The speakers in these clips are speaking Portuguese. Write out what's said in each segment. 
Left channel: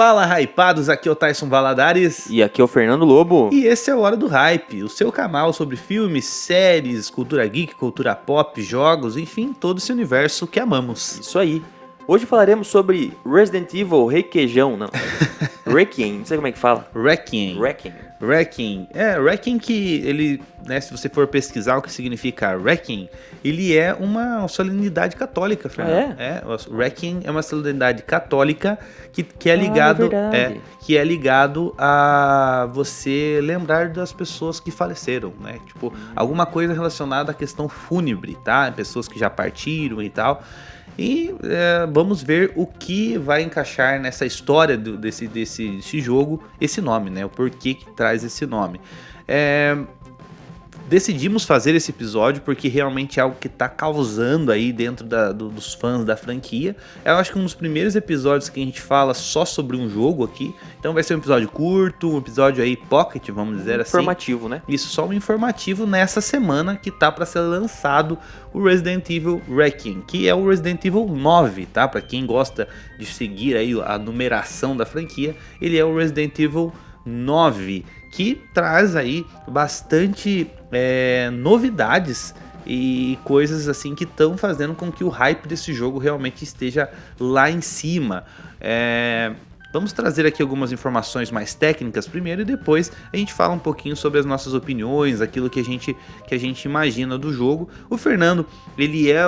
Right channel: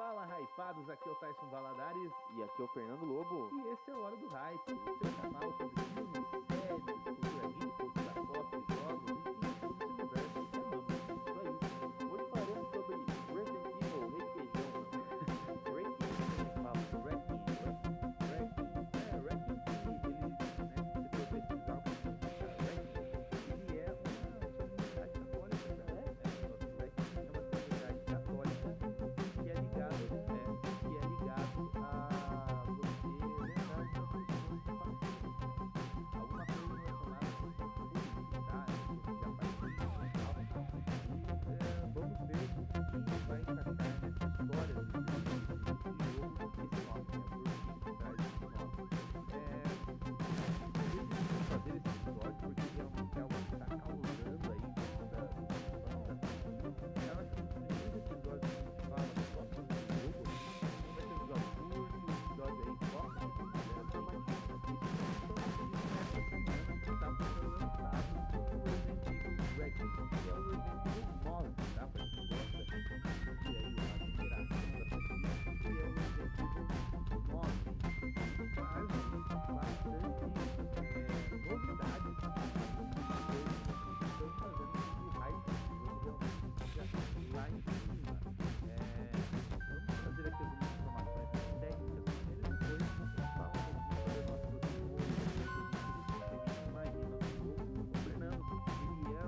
Fala, hypados, aqui é o Tyson Valadares. E aqui é o Fernando Lobo. E esse é o Hora do Hype, o seu canal sobre filmes, séries, cultura geek, cultura pop, jogos, enfim, todo esse universo que amamos. Isso aí. Hoje falaremos sobre Resident Evil Requeijão, não. Requiem, não sei como é que fala. Requiem. Requiem que ele, né, se você for pesquisar o que significa Requiem, ele é uma solenidade católica, Fernando. O Requiem é uma solenidade católica que é ligado, que é ligado a você lembrar das pessoas que faleceram, né? Tipo, alguma coisa relacionada à questão fúnebre, tá? Pessoas que já partiram e tal. E vamos ver o que vai encaixar nessa história desse jogo, esse nome, né? O porquê que traz esse nome. Decidimos fazer esse episódio porque realmente é algo que está causando aí dentro dos fãs da franquia. Eu acho que um dos primeiros episódios que a gente fala só sobre um jogo aqui. Então vai ser um episódio curto, um episódio aí pocket, vamos dizer assim. Informativo, né? Isso, só um informativo nessa semana que tá para ser lançado o Resident Evil Requiem, que é o Resident Evil 9, tá? Para quem gosta de seguir aí a numeração da franquia, ele é o Resident Evil 9, que traz aí bastante novidades e coisas assim que estão fazendo com que o hype desse jogo realmente esteja lá em cima. Vamos trazer aqui algumas informações mais técnicas primeiro e depois a gente fala um pouquinho sobre as nossas opiniões, aquilo que a gente imagina do jogo. O Fernando, ele é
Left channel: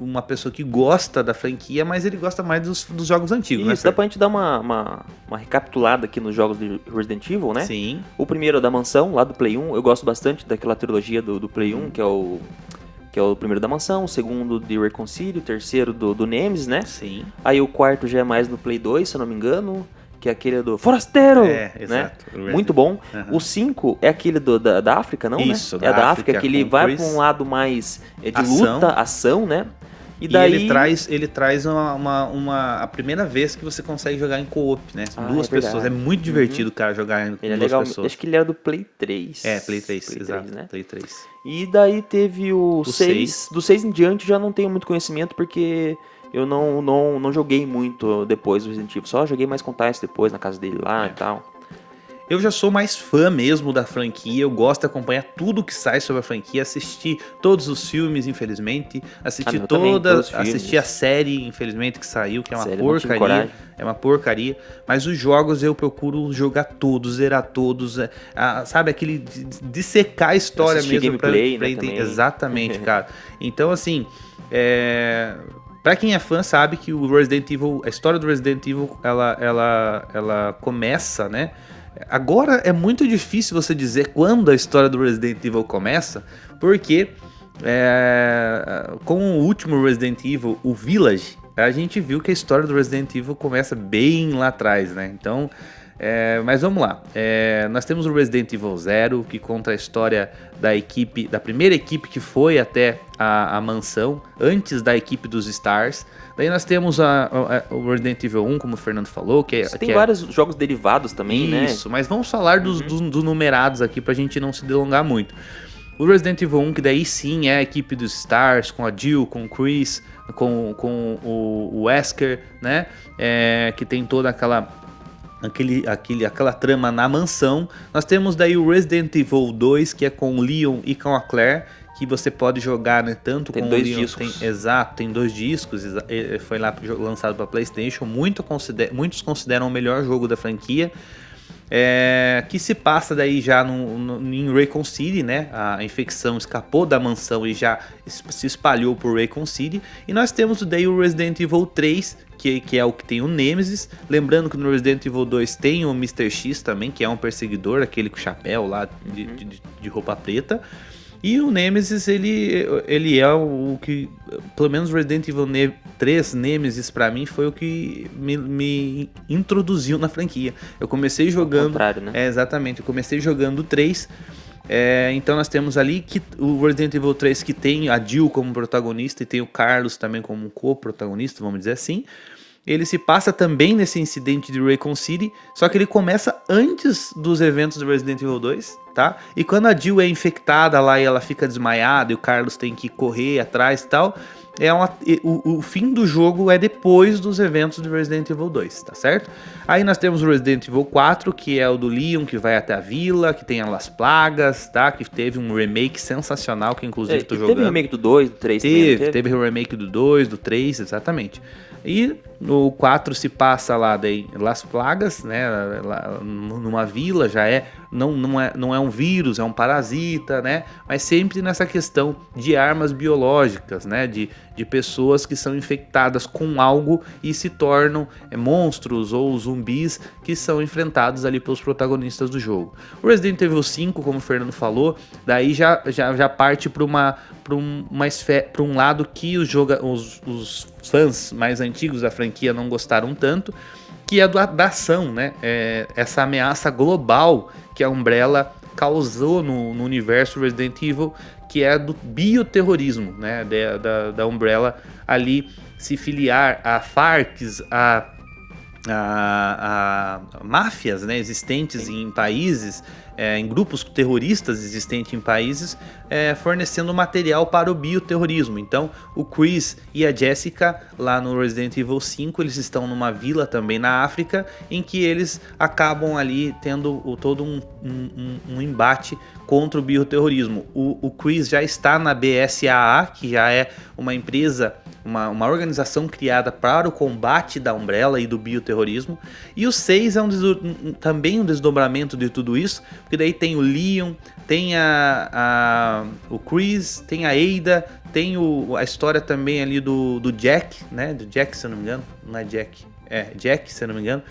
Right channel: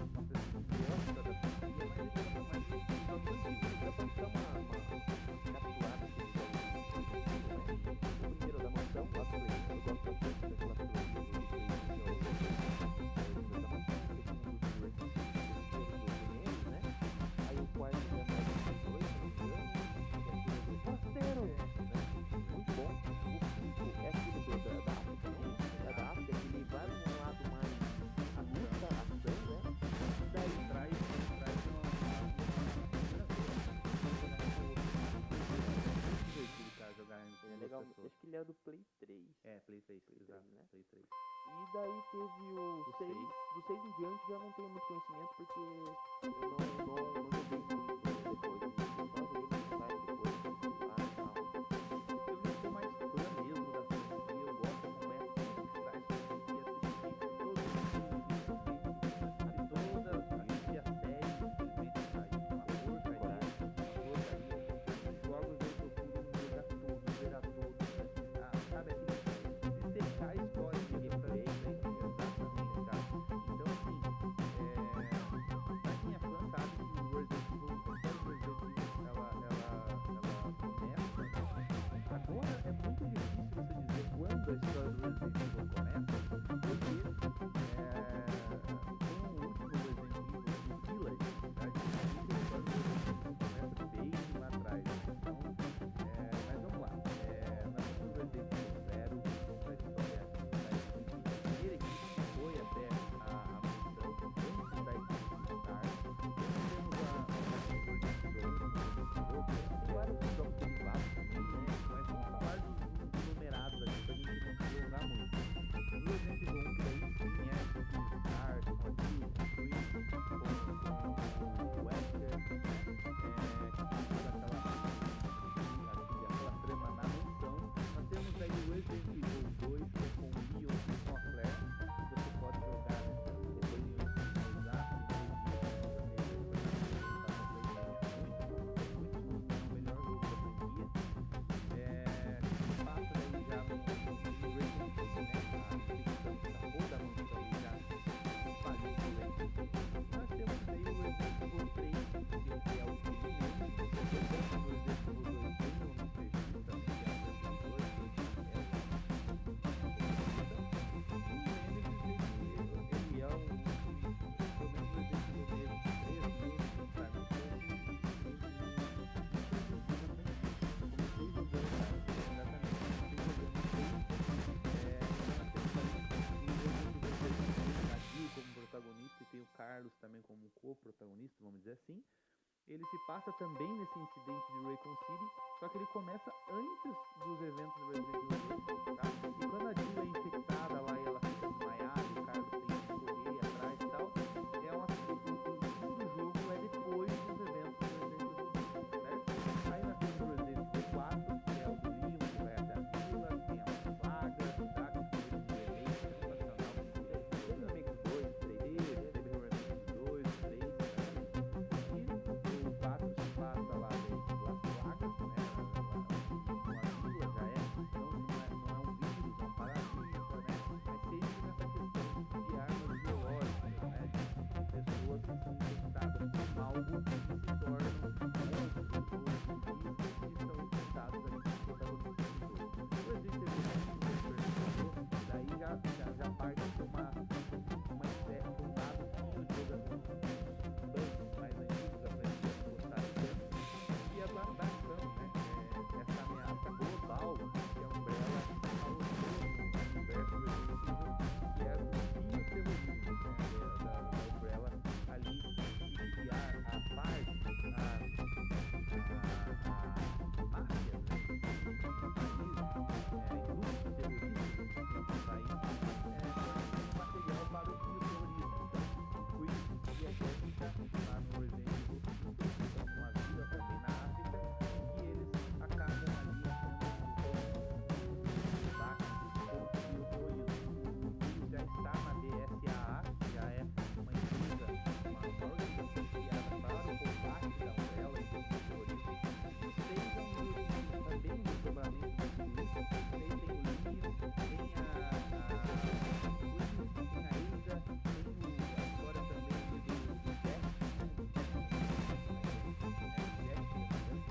uma pessoa que gosta da franquia, mas ele gosta mais dos jogos antigos, né? Isso, dá pra gente dar uma recapitulada aqui nos jogos de Resident Evil, né? Sim. O primeiro é da mansão, lá do Play 1. Eu gosto bastante daquela trilogia do Play 1, que é o primeiro da mansão, o segundo de Raccoon City, o terceiro do Nemesis, né? Sim. Aí o quarto já é mais no Play 2, se eu não me engano, que é aquele do Forasteiro, exato. Né? Muito bom. Uhum. O 5 é aquele da África, não, isso, né? É da África, que ele vai para um lado mais de luta, ação, né? E daí ele traz a primeira vez que você consegue jogar em co-op, né? São duas pessoas. É muito divertido, cara, jogar com duas pessoas. Acho que ele era do Play 3. Play 3, exato. 3, né? Play 3. E daí teve o 6. Do 6 em diante já não tenho muito conhecimento, porque eu não joguei muito depois do Resident Evil. Só joguei mais com o Tyson depois, na casa dele lá e tal. Eu já sou mais fã mesmo da franquia, eu gosto de acompanhar tudo que sai sobre a franquia, assisti todos os filmes, infelizmente, assisti a série, infelizmente, que saiu, que é uma porcaria, porcaria, mas os jogos eu procuro jogar todos, zerar todos, sabe, aquele dissecar a história mesmo. Gameplay, pra entender. Exatamente, cara. Então, assim, pra quem é fã sabe que o Resident Evil, a história do Resident Evil, ela começa, né? Agora é muito difícil você dizer quando a história do Resident Evil começa, porque com o último Resident Evil, o Village, a gente viu que a história do Resident Evil começa bem lá atrás, né? Então, mas vamos lá. Nós temos o Resident Evil 0, que conta a história da primeira equipe que foi até a mansão, antes da equipe dos Stars. Daí nós temos o Resident Evil 1, como o Fernando falou, tem vários jogos derivados também, né? Isso, mas vamos falar dos numerados aqui pra gente não se delongar muito. O Resident Evil 1, que daí sim é a equipe dos Stars, com a Jill, com o Chris, com o Wesker, né? Que tem toda aquela trama na mansão. Nós temos daí o Resident Evil 2, que é com o Leon e com a Claire, que você pode jogar, né, tanto tem com dois o Leon, discos. Tem 2 discos, foi lá lançado para PlayStation, muitos consideram o melhor jogo da franquia, que se passa daí já em Raccoon City, né? A infecção escapou da mansão e já se espalhou por Raccoon City. E nós temos daí o Resident Evil 3, que é o que tem o Nemesis. Lembrando que no Resident Evil 2 tem o Mr. X também, que é um perseguidor, aquele com chapéu lá de roupa preta. E o Nemesis, ele é o que, pelo menos Resident Evil 3 Nemesis pra mim foi o que me introduziu na franquia. Eu comecei jogando... Ao contrário, né? Exatamente, eu comecei jogando o 3. Então nós temos ali o Resident Evil 3 que tem a Jill como protagonista e tem o Carlos também como co-protagonista, vamos dizer assim. Ele se passa também nesse incidente de Raccoon City, só que ele começa antes dos eventos do Resident Evil 2, tá? E quando a Jill é infectada lá e ela fica desmaiada e o Carlos tem que correr atrás e tal, o fim do jogo é depois dos eventos de Resident Evil 2, tá certo? Aí nós temos o Resident Evil 4, que é o do Leon, que vai até a vila, que tem as plagas, tá? Que teve um remake sensacional, que inclusive tô jogando. Teve remake do 2, do 3 Teve o remake do 2, do 3, exatamente. E no 4 se passa lá daí Las Plagas, né? Lá, numa vila, já não é um vírus, é um parasita, né? Mas sempre nessa questão de armas biológicas, né? De pessoas que são infectadas com algo e se tornam monstros ou zumbis que são enfrentados ali pelos protagonistas do jogo. O Resident Evil 5, como o Fernando falou, daí já parte para um lado que os fãs mais antigos da franquia não gostaram tanto, que é da ação, né? Essa ameaça global que a Umbrella causou no universo Resident Evil, que é do bioterrorismo, né? Da Umbrella ali se filiar a Farcs, a máfias, né, existentes em países, em grupos terroristas existentes em países, fornecendo material para o bioterrorismo. Então o Chris e a Jessica lá no Resident Evil 5, eles estão numa vila também na África, em que eles acabam ali tendo todo um embate contra o bioterrorismo. O Chris já está na BSAA, que já é uma empresa, uma organização criada para o combate da Umbrella e do bioterrorismo. E o 6 é também um desdobramento de tudo isso, porque daí tem o Leon, tem o Chris, tem a Ada, tem a história também ali do Jack, né? Do Jack, se eu não me engano. Não é Jack. É Jack, se eu não me engano.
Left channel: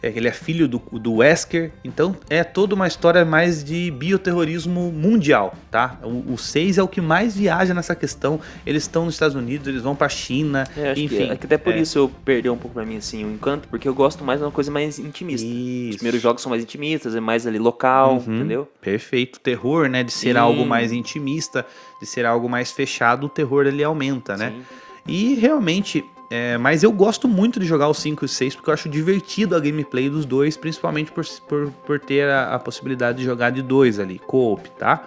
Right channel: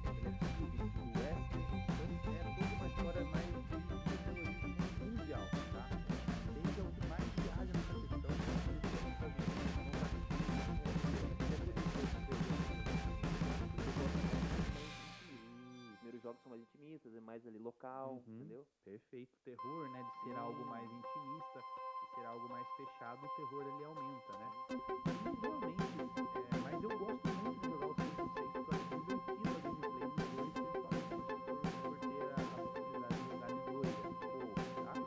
Ele é filho do Wesker, então é toda uma história mais de bioterrorismo mundial, tá? O 6 é o que mais viaja nessa questão. Eles estão nos Estados Unidos, eles vão pra China, enfim. Que até por isso eu perdi um pouco pra mim assim, o encanto, porque eu gosto mais de uma coisa mais intimista. Isso. Os primeiros jogos são mais intimistas, é mais ali local, entendeu? Perfeito. Terror, né, de ser algo mais intimista, de ser algo mais fechado, o terror ele aumenta, né? Sim. E realmente, mas eu gosto muito de jogar o 5 e o 6 porque eu acho divertido a gameplay dos dois, principalmente por ter a possibilidade de jogar de dois ali, co-op, tá?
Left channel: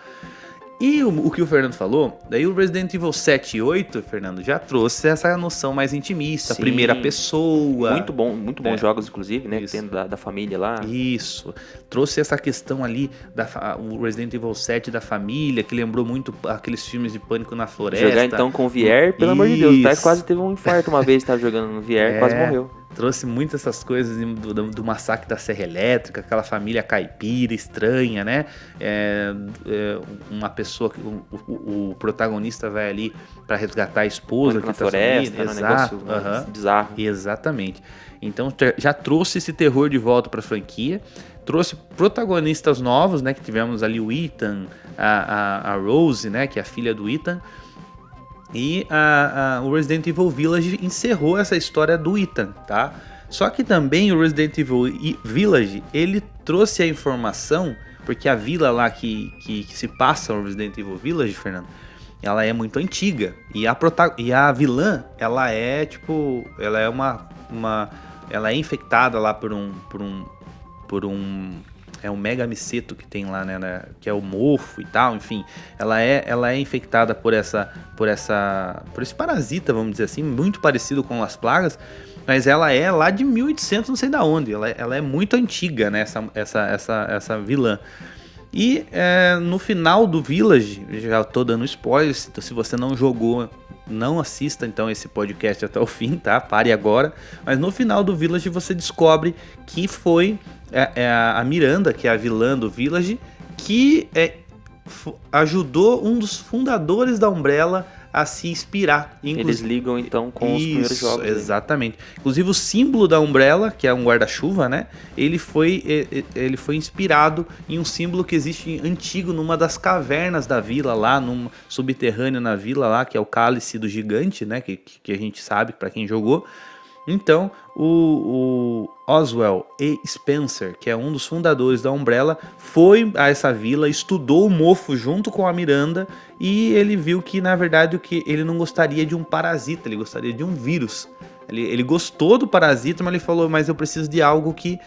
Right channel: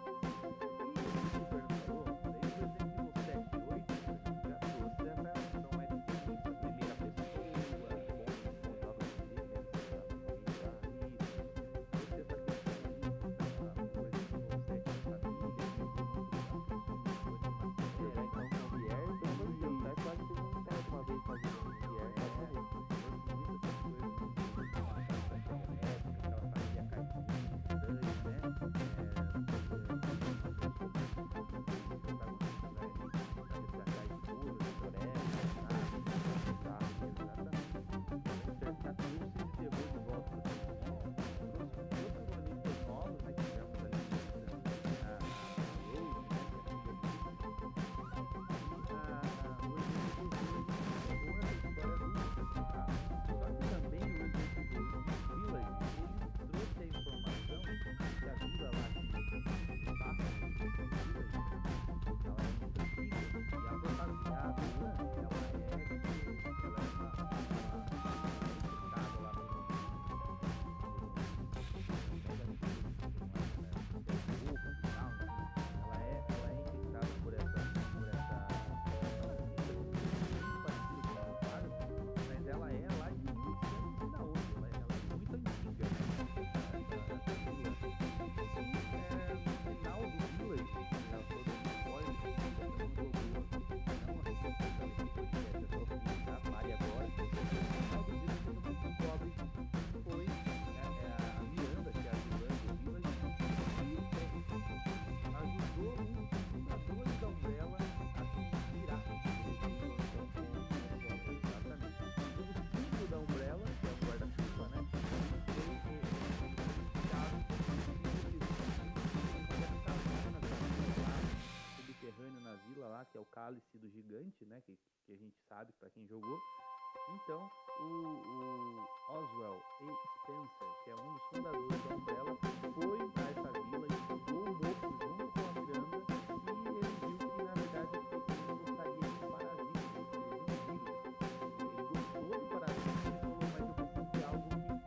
E o que o Fernando falou, daí o Resident Evil 7 e 8, Fernando, já trouxe essa noção mais intimista, Sim. Primeira pessoa. Muito bons jogos, inclusive, né? Tendo da família lá. Isso. Trouxe essa questão ali, o Resident Evil 7 da família, que lembrou muito aqueles filmes de Pânico na Floresta. Jogar então com o VR, pelo amor de Deus, o Tais quase teve um infarto uma vez, estava jogando no VR, quase morreu. Trouxe muito essas coisas do massacre da Serra Elétrica, aquela família caipira, estranha, né? Uma pessoa que o protagonista vai ali para resgatar a esposa que na tá floresta, sumida. Um negócio bizarro. Exatamente. Então já trouxe esse terror de volta para a franquia, trouxe protagonistas novos, né? Que tivemos ali o Ethan, a Rose, né? Que é a filha do Ethan. E o Resident Evil Village encerrou essa história do Ethan, tá? Só que também o Resident Evil Village, ele trouxe a informação, porque a vila lá que se passa no Resident Evil Village, Fernando, ela é muito antiga. E a vilã, ela é tipo, ela é ela é infectada lá por um mega miceto que tem lá, né, que é o mofo e tal, enfim, ela é infectada por esse parasita, vamos dizer assim, muito parecido com as plagas, mas ela é lá de 1800, não sei da onde, ela é muito antiga, né, essa vilã. E no final do Village, já tô dando spoilers, então se você não jogou, não assista então esse podcast até o fim, tá? Pare agora. Mas no final do Village você descobre que foi a Miranda, que é a vilã do Village, que ajudou um dos fundadores da Umbrella a se inspirar. Eles ligam então com os primeiros jogos. Exatamente. Inclusive o símbolo da Umbrella, que é um guarda-chuva, né? Ele foi inspirado em um símbolo que existe antigo numa das cavernas da vila lá, num subterrâneo na vila lá, que é o Cálice do Gigante, né? Que a gente sabe para quem jogou. Então, o Oswald E. Spencer, que é um dos fundadores da Umbrella, foi a essa vila, estudou o mofo junto com a Miranda e ele viu que, na verdade, ele não gostaria de um parasita, ele gostaria de um vírus. Ele gostou do parasita, mas ele falou, mas eu preciso de algo que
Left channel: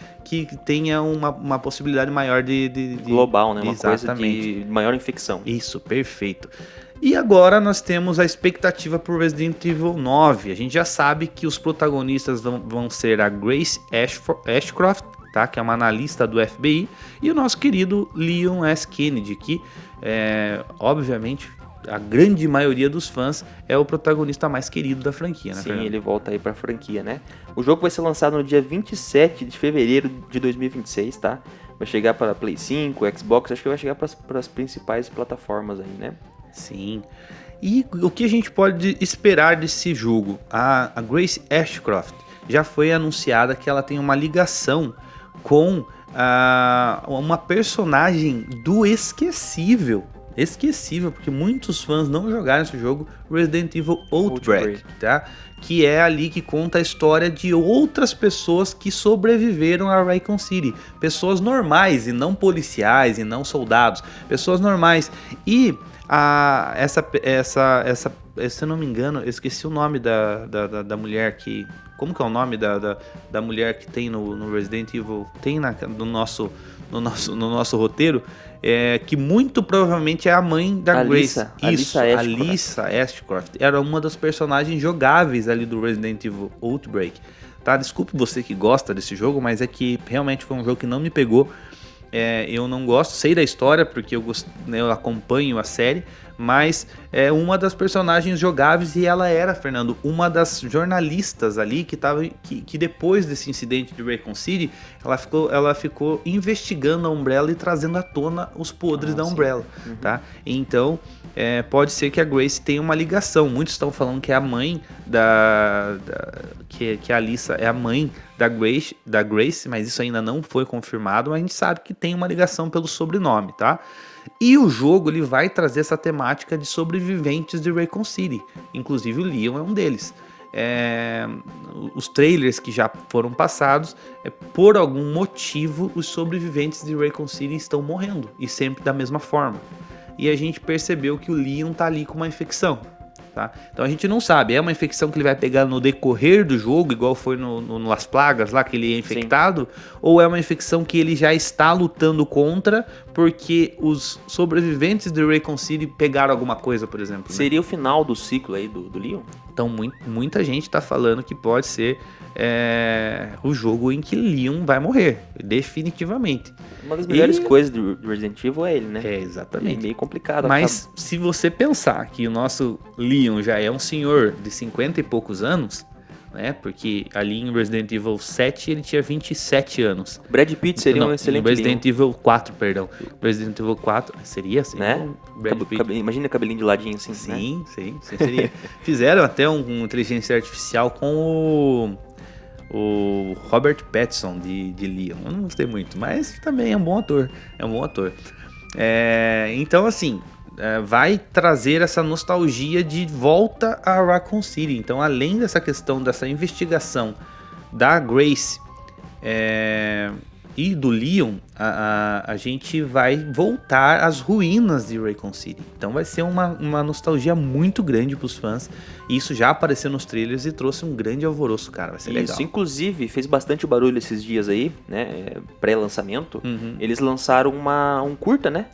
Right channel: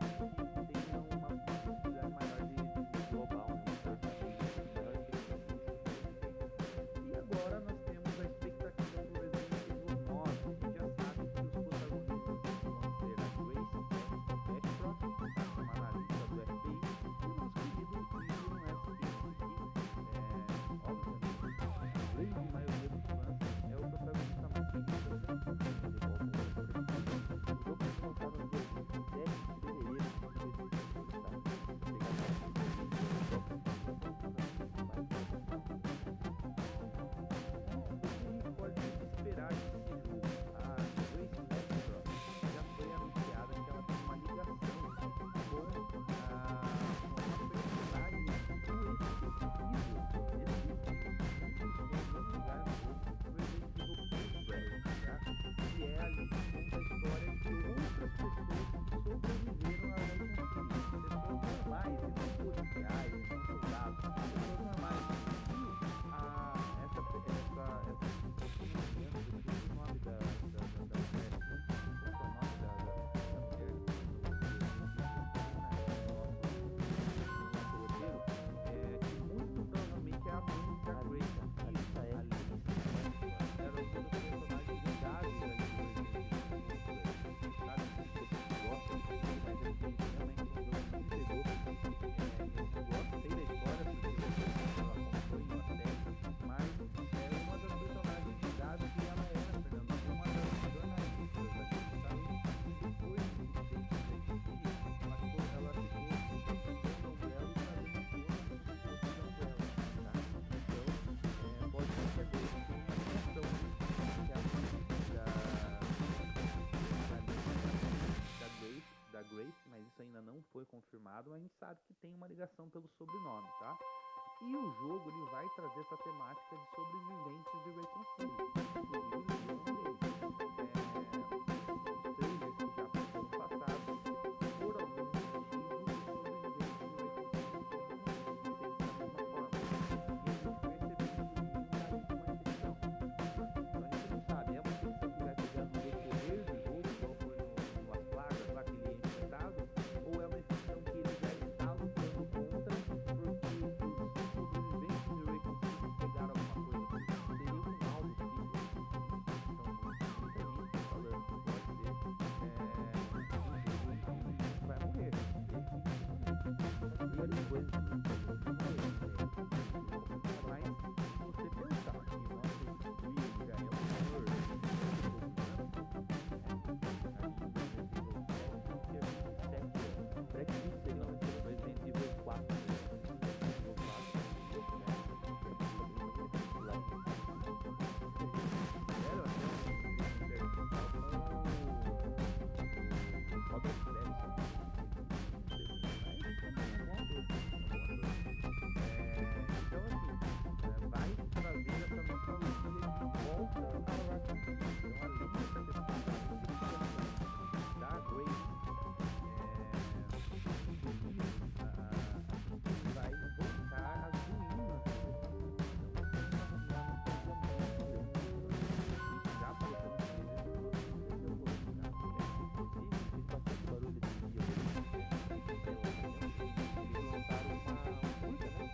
tenha uma possibilidade maior de global, né? Uma exatamente. coisa de maior infecção. Isso, perfeito. E agora nós temos a expectativa para o Resident Evil 9. A gente já sabe que os protagonistas vão ser a Grace Ashcroft, tá? Que é uma analista do FBI, e o nosso querido Leon S. Kennedy, que obviamente a grande maioria dos fãs é o protagonista mais querido da franquia, né? Sim, Fernando? Ele volta aí pra franquia, né? O jogo vai ser lançado no dia 27 de fevereiro de 2026, tá? Vai chegar para Play 5, Xbox, acho que vai chegar para as principais plataformas aí, né? Sim. E o que a gente pode esperar desse jogo? A Grace Ashcroft já foi anunciada que ela tem uma ligação com uma personagem do Esquecível, porque muitos fãs não jogaram esse jogo, Resident Evil Outbreak, tá? Que é ali que conta a história de outras pessoas que sobreviveram a Raccoon City. Pessoas normais e não policiais e não soldados. Pessoas normais. E se eu não me engano, eu esqueci o nome da mulher que... Como que é o nome da mulher que tem no Resident Evil? Tem no nosso roteiro. Que muito provavelmente é a mãe da Grace. Isso, Alyssa Ashcroft. Era uma das personagens jogáveis ali do Resident Evil Outbreak. Tá? Desculpe você que gosta desse jogo, mas é que realmente foi um jogo que não me pegou. Eu não gosto, sei da história porque eu acompanho a série, mas é uma das personagens jogáveis e ela era, Fernando, uma das jornalistas ali que depois desse incidente de Raccoon City, ela ficou investigando a Umbrella e trazendo à tona os podres da Umbrella, tá? Então, pode ser que a Grace tenha uma ligação. Muitos estão falando que é a mãe que a Alyssa é a mãe da Grace, mas isso ainda não foi confirmado, mas a gente sabe que tem uma ligação pelo sobrenome, tá? E o jogo ele vai trazer essa temática de sobreviventes de Raccoon City, inclusive o Leon é um deles. Os trailers que já foram passados, por algum motivo os sobreviventes de Raccoon City estão morrendo, e sempre da mesma forma. E a gente percebeu que o Leon tá ali com uma infecção. Tá? Então a gente não sabe, é uma infecção que ele vai pegar no decorrer do jogo, igual foi no Las Plagas lá, que ele é infectado, sim, ou é uma infecção que ele já está lutando contra porque os sobreviventes de Raccoon City pegaram alguma coisa, por exemplo. Né? Seria o final do ciclo aí do Leon? Então muita gente está falando que pode ser o jogo em que Leon vai morrer, definitivamente. Uma das melhores coisas do Resident Evil é ele, né? Exatamente. É meio complicado. Mas se você pensar que o nosso Leon já é um senhor de 50 e poucos anos, né? Porque ali em Resident Evil 7 ele tinha 27 anos. Brad Pitt seria um excelente Resident Evil 4, perdão. Resident Evil 4 seria assim, né? Imagina cabelinho de ladinho assim. Sim, né? sim, seria. Fizeram até uma inteligência artificial com o Robert Pattinson de Leon. Eu não gostei muito, mas também é um bom ator. Então, assim, vai trazer essa nostalgia de volta a Raccoon City. Então, além dessa questão dessa investigação da Grace e do Leon, a gente vai voltar às ruínas de Raccoon City. Então vai ser uma nostalgia muito grande para os fãs. E isso já apareceu nos trailers e trouxe um grande alvoroço, cara. Vai ser legal. Isso, inclusive, fez bastante barulho esses dias aí, né? Pré-lançamento. Eles lançaram um curta, né?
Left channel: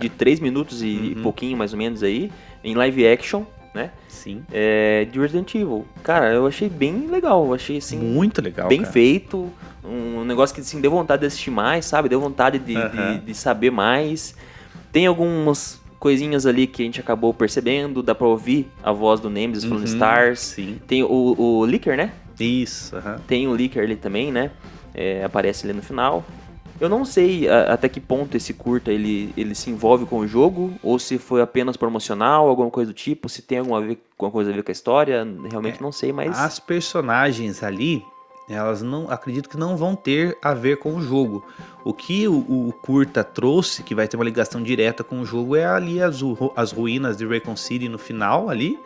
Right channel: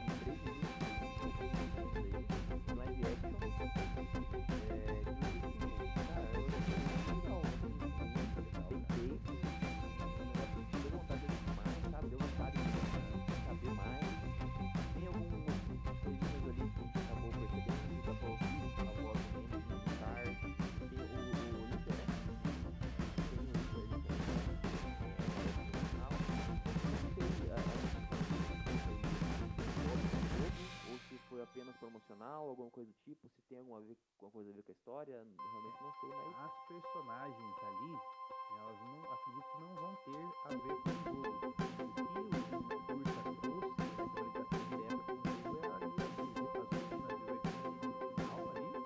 De 3 minutos e pouquinho, mais ou menos aí, em live action, né? Sim. De Resident Evil. Cara, eu achei bem legal. Eu achei, assim... muito legal, bem cara. Feito. Um negócio que, assim, deu vontade de assistir mais, sabe? Deu vontade de saber mais. Tem algumas coisinhas ali que a gente acabou percebendo. Dá pra ouvir a voz do Nemesis falando Stars. Sim. Tem o Licker, né? Isso. Tem o Licker ali também, né? Aparece ali no final. Eu não sei até que ponto esse curta ele se envolve com o jogo, ou se foi apenas promocional, alguma coisa do tipo, se tem alguma coisa a ver com a história, realmente não sei, mas... As personagens ali, elas acredito que não vão ter a ver com o jogo. O que o curta trouxe, que vai ter uma ligação direta com o jogo, é ali as ruínas de Raccoon City no final ali,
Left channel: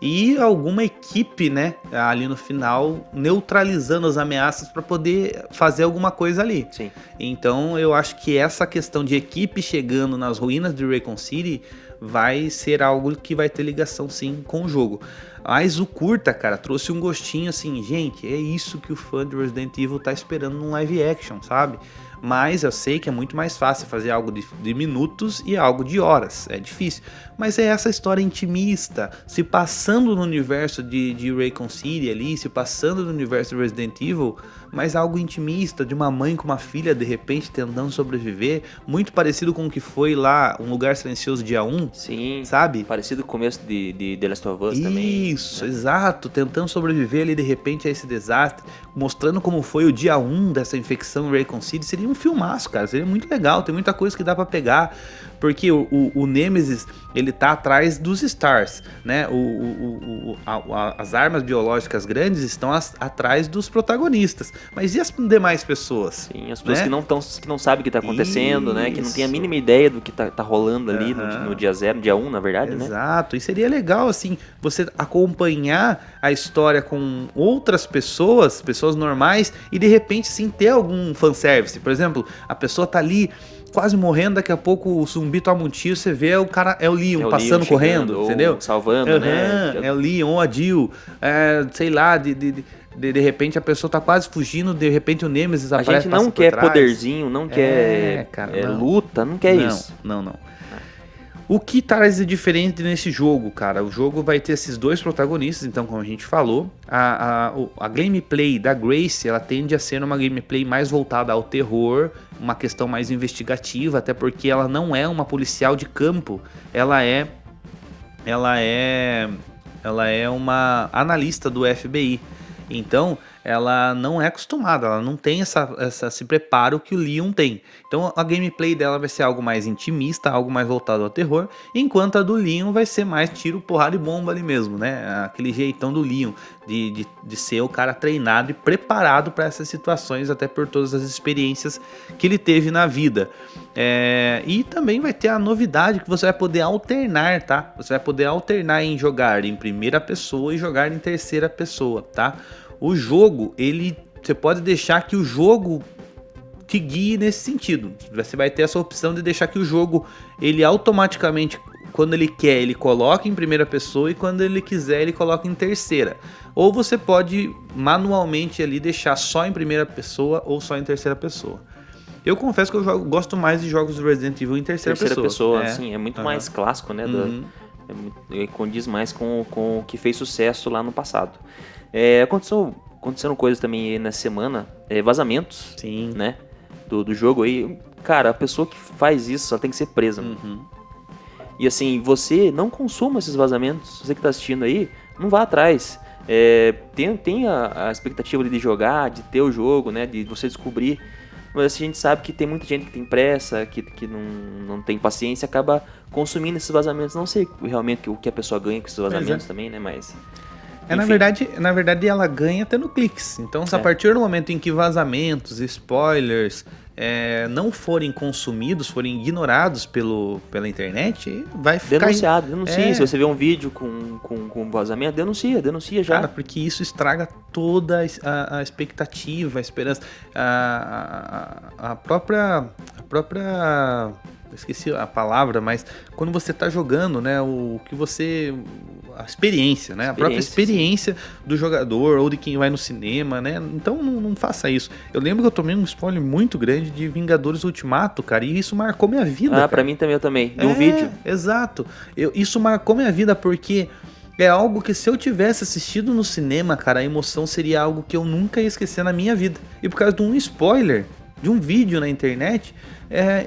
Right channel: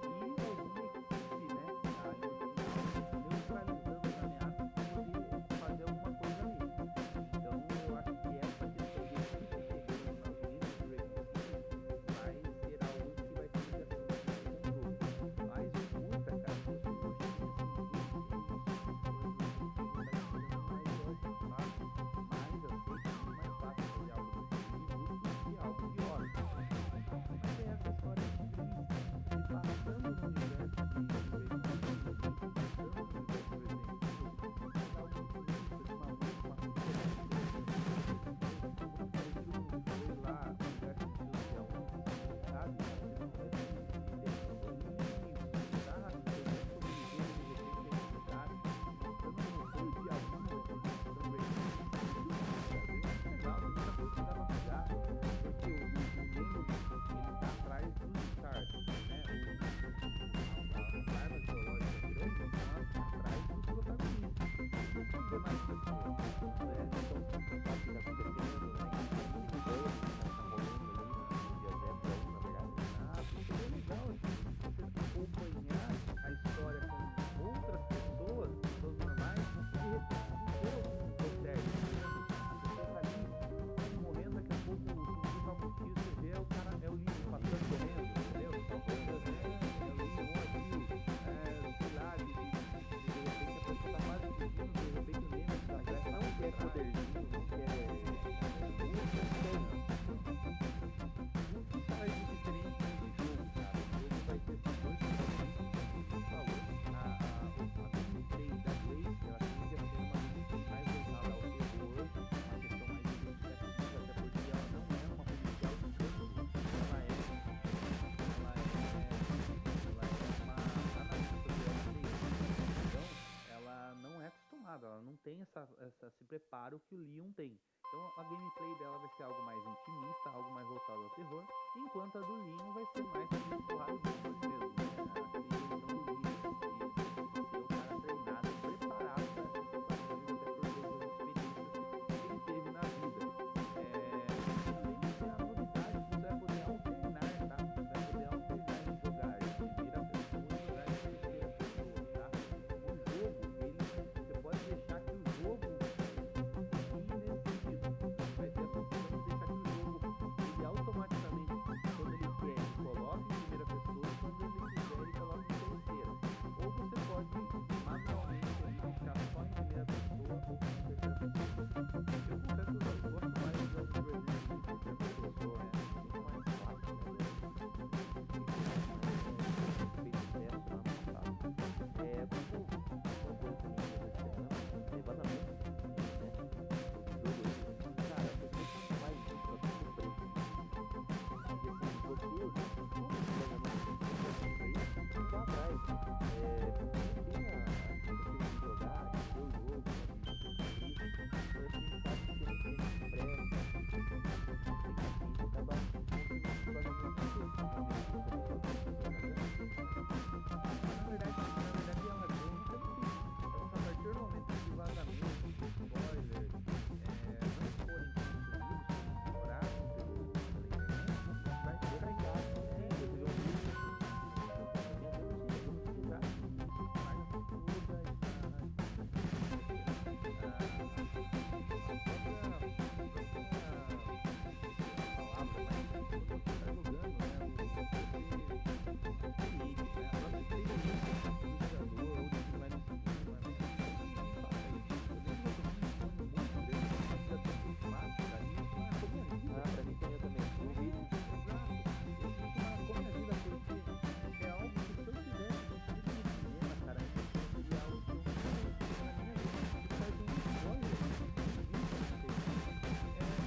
e alguma equipe, né, ali no final, neutralizando as ameaças para poder fazer alguma coisa ali. Sim. Então eu acho que essa questão de equipe chegando nas ruínas de Raccoon City vai ser algo que vai ter ligação sim com o jogo. Mas o curta, cara, trouxe um gostinho assim, gente, é isso que o fã de Resident Evil tá esperando num live action, sabe? Mas eu sei que é muito mais fácil fazer algo de minutos e algo de horas. É difícil. Mas é essa história intimista, se passando no universo de Raccoon City ali, se passando no universo de Resident Evil, mas algo intimista, de uma mãe com uma filha de repente tentando sobreviver, muito parecido com o que foi lá Um Lugar Silencioso dia 1, Sim, sabe? parecido com o começo de The Last of Us também. Isso, exato, tentando sobreviver ali de repente a esse desastre, mostrando como foi o dia 1 dessa infecção em Raccoon City. Seria um filmaço, cara, seria muito legal, tem muita coisa que dá pra pegar, porque o Nemesis, ele tá atrás dos Stars, né? As armas biológicas grandes estão atrás dos protagonistas, mas e as demais pessoas? Sim, as pessoas né? que não sabem o que tá acontecendo, né? Que não tem a mínima ideia do que tá rolando ali no dia 0, dia 1, na verdade, né? Exato, e seria legal, assim, você acompanhar a história com outras pessoas normais, e de repente, sim, ter algum fanservice. Por exemplo, a pessoa tá ali quase morrendo, daqui a pouco o zumbi toma um tiro, você vê o cara, é o Leon passando, correndo, entendeu? Salvando, né? É o Leon ou a Jill, sei lá, de repente a pessoa tá quase fugindo, de repente o Nemesis aparece. A gente não quer poderzinho, não quer luta, não quer isso. Não. O que traz de diferente nesse jogo, cara? O jogo vai ter esses dois protagonistas, então, como a gente falou, a gameplay da Grace, ela tende a ser uma gameplay mais voltada ao terror, uma questão mais investigativa, até porque ela não é uma policial de campo, ela é uma analista do FBI. Então, ela não é acostumada, ela não tem esse preparo que o Leon tem. Então a gameplay dela vai ser algo mais intimista, algo mais voltado ao terror, enquanto a do Leon vai ser mais tiro, porrada e bomba ali mesmo, né? Aquele jeitão do Leon, de ser o cara treinado e preparado para essas situações, até por todas as experiências que ele teve na vida. E também vai ter a novidade que você vai poder alternar, tá? Você vai poder alternar em jogar em primeira pessoa e jogar em terceira pessoa, tá? O jogo, você pode deixar que o jogo te guie nesse sentido. Você vai ter essa opção de deixar que o jogo, ele automaticamente, quando ele quer, ele coloca em primeira pessoa, e quando ele quiser, ele coloca em terceira. Ou você pode manualmente ali deixar só em primeira pessoa ou só em terceira pessoa. Eu confesso que eu gosto mais de jogos do Resident Evil em terceira pessoa. Assim, é muito mais clássico, né? Condiz mais com o que fez sucesso lá no passado. Aconteceram coisas também aí nessa semana, vazamentos, sim, né, do jogo aí. Cara, a pessoa que faz isso, ela tem que ser presa. E assim, você não consuma esses vazamentos. Você que tá assistindo aí, não vá atrás. Tem a expectativa de jogar, de ter o jogo, né, de você descobrir. Mas assim, a gente sabe que tem muita gente que tem pressa, que não tem paciência, acaba consumindo esses vazamentos. Não sei realmente o que a pessoa ganha com esses vazamentos também, né, mas... na verdade ela ganha tendo cliques. Então, se a partir do momento em que vazamentos, spoilers não forem consumidos, forem ignorados pela internet, vai ficar... Denuncie. Se você vê um vídeo com vazamento, denuncia já. Cara, porque isso estraga toda a expectativa, a esperança. A própria... Esqueci a palavra, mas quando você tá jogando, né, o que você... A experiência, né? A própria experiência do jogador ou de quem vai no cinema, né? Então não faça isso. Eu lembro que eu tomei um spoiler muito grande de Vingadores Ultimato, cara, e isso marcou minha vida. Cara. Pra mim também, eu também. De um vídeo. Exato. Isso marcou minha vida porque é algo que, se eu tivesse assistido no cinema, cara, a emoção seria algo que eu nunca ia esquecer na minha vida. E por causa de um spoiler, de um vídeo na internet,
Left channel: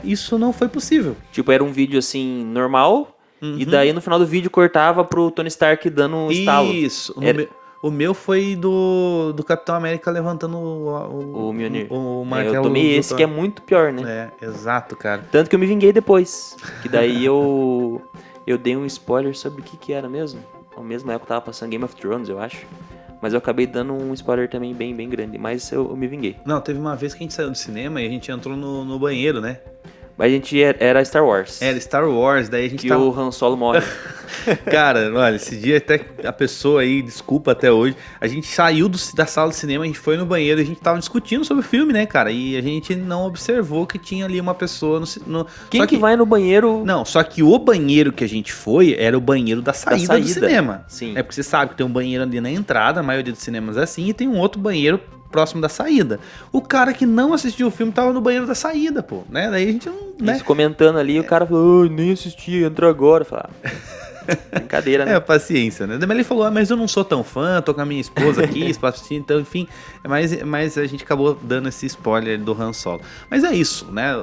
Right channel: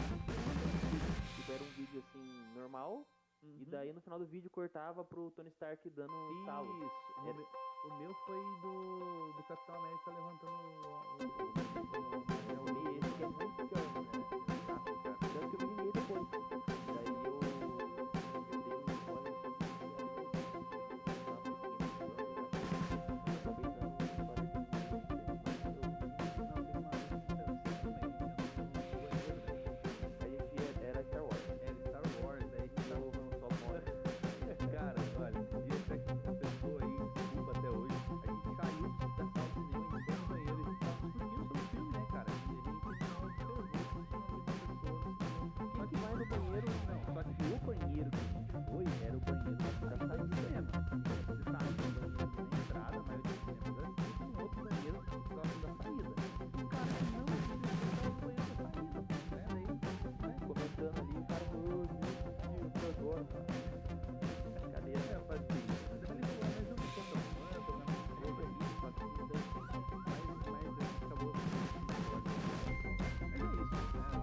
isso não foi possível. Tipo, era um vídeo assim, normal... E daí no final do vídeo cortava pro Tony Stark dando um estalo. Isso. O meu foi do Capitão América levantando o Mjolnir. O martelo. Eu tomei esse que é muito pior, né? Exato, cara. Tanto que eu me vinguei depois. Que daí eu dei um spoiler sobre o que era mesmo. Ao mesmo época tava passando Game of Thrones, eu acho. Mas eu acabei dando um spoiler também bem, bem grande. Mas eu me vinguei. Não, teve uma vez que a gente saiu do cinema e a gente entrou no banheiro, né? Mas a gente era Star Wars. Era Star Wars, daí a gente que o Han Solo morre. Cara, olha, esse dia até a pessoa aí, desculpa até hoje, a gente saiu da sala de cinema, a gente foi no banheiro e a gente tava discutindo sobre o filme, né, cara? E a gente não observou que tinha ali uma pessoa no... Quem que vai no banheiro? Não, só que o banheiro que a gente foi era o banheiro da saída do cinema. Sim. É porque você sabe que tem um banheiro ali na entrada, a maioria dos cinemas é assim, e tem um outro banheiro próximo da saída. O cara que não assistiu o filme tava no banheiro da saída, pô, né? Daí a gente não, né? Isso, comentando ali, o cara falou, nem assisti, entra agora. Fala, brincadeira, né? Paciência, né? Mas ele falou, mas eu não sou tão fã, tô com a minha esposa aqui, então, enfim, mas a gente acabou dando esse spoiler do Han Solo. Mas é isso, né?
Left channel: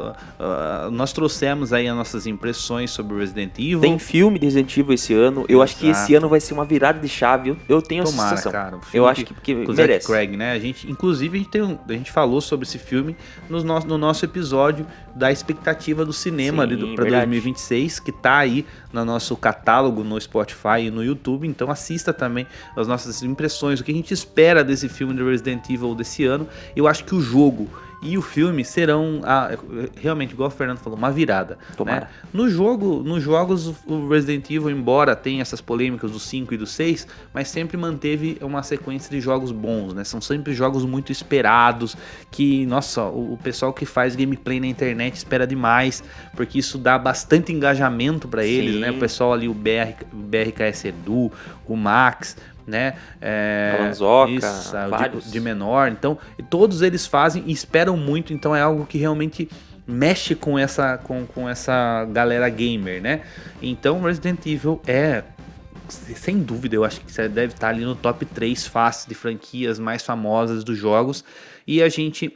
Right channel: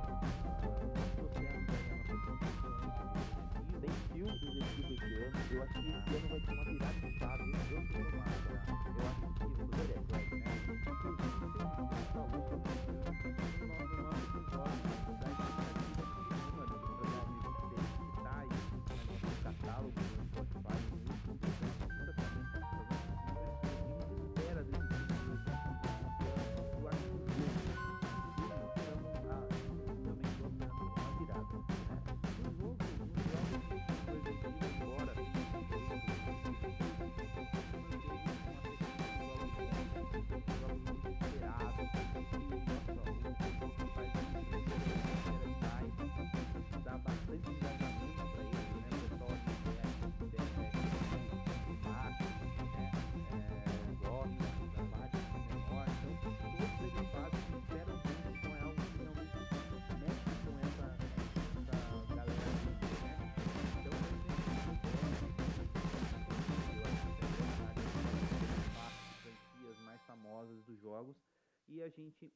Nós trouxemos aí as nossas impressões sobre o Resident Evil. Tem filme de Resident Evil esse ano, eu acho que esse ano vai ser uma virada de chave, eu tenho essa sensação. Cara, eu acho que merece. Craig, né? Inclusive, a gente falou sobre esse filme no nosso episódio da expectativa do cinema para 2026, que tá aí no nosso catálogo no Spotify e no YouTube, então assista também as nossas impressões, o que a gente espera desse filme do Resident Evil desse ano. Eu acho que o jogo e o filme serão, realmente, igual o Fernando falou, uma virada. Tomara. Né? Nos jogos, o Resident Evil, embora tenha essas polêmicas do 5 e do 6, mas sempre manteve uma sequência de jogos bons, né? São sempre jogos muito esperados, que, nossa, o pessoal que faz gameplay na internet espera demais, porque isso dá bastante engajamento para eles, né? O pessoal ali, o BRKS Edu, o Max, né? Vários de menor, então todos eles fazem e esperam muito, então é algo que realmente mexe com essa galera gamer, né? Então Resident Evil sem dúvida, eu acho que você deve estar ali no top 3 fácil de franquias mais famosas dos jogos, e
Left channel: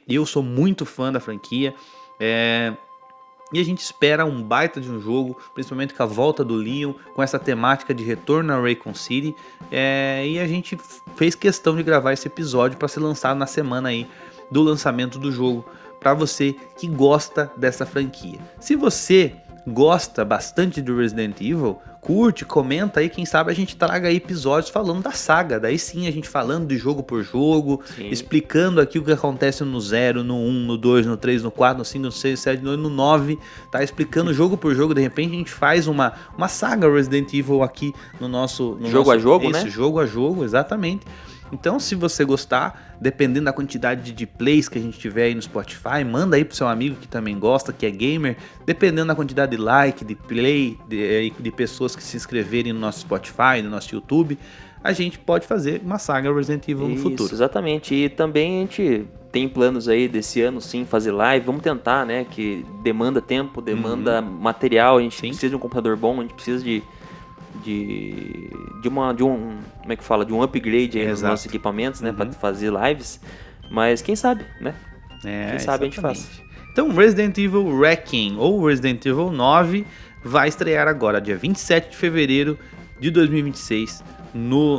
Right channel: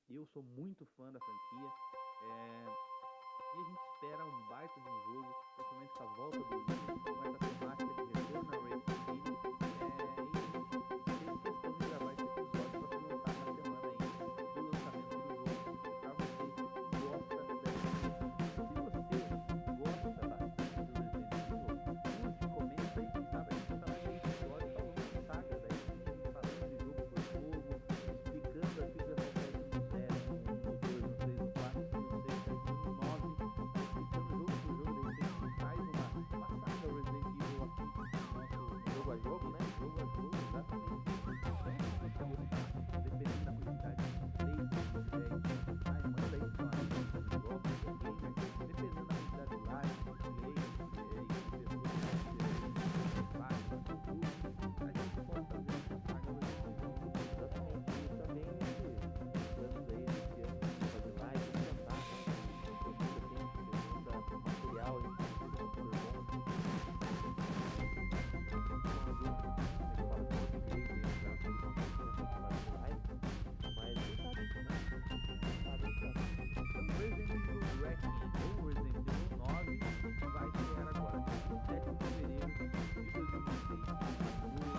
eu sou muito fã da franquia, e a gente espera um baita de um jogo, principalmente com a volta do Leon, com essa temática de retorno a Raccoon City. E a gente fez questão de gravar esse episódio para ser lançado na semana aí do lançamento do jogo, para você que gosta dessa franquia. Se você gosta bastante do Resident Evil, curte, comenta aí, quem sabe a gente traga aí episódios falando da saga, daí sim a gente falando de jogo por jogo, explicando aqui o que acontece no 0, no 1, no 2, no 3, no 4, no 5, no 6, no 7, no 9, tá explicando jogo por jogo, de repente a gente faz uma saga Resident Evil aqui no nosso... a jogo, né? Jogo a jogo, exatamente. Então, se você gostar, dependendo da quantidade de plays que a gente tiver aí no Spotify, manda aí pro seu amigo que também gosta, que é gamer. Dependendo da quantidade de like, de play, de pessoas que se inscreverem no nosso Spotify, no nosso YouTube, a gente pode fazer uma saga Resident Evil no futuro. Exatamente. E também a gente tem planos aí desse ano, sim, fazer live. Vamos tentar, né? Que demanda tempo, demanda material. A gente precisa de um computador bom, a gente precisa de um upgrade aí nos nossos equipamentos, né, para fazer lives, mas quem sabe, né? Quem sabe a gente faz. Então, Resident Evil Requiem ou Resident Evil 9 vai estrear agora, dia 27 de fevereiro de 2026,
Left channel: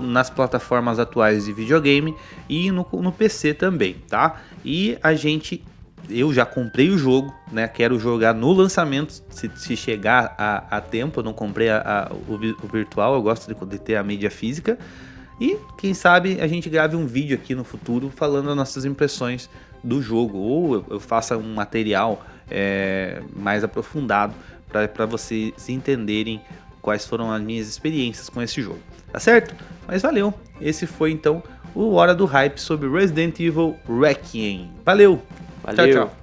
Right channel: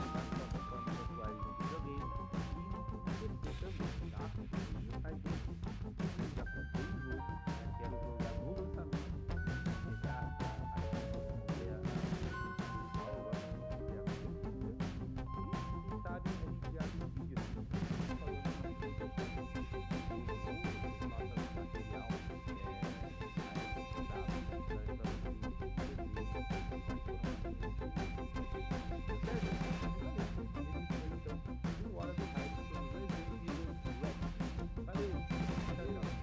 nas plataformas atuais de videogame e no PC também, tá? E eu já comprei o jogo, né? Quero jogar no lançamento, se chegar a tempo. Eu não comprei o virtual, eu gosto de ter a mídia física. E quem sabe a gente grave um vídeo aqui no futuro falando as nossas impressões do jogo, ou eu faça um material mais aprofundado para vocês entenderem quais foram as minhas experiências com esse jogo, tá certo? Mas valeu, esse foi então o Hora do Hype sobre Resident Evil Requiem. Valeu! Valeu. Tchau, tchau.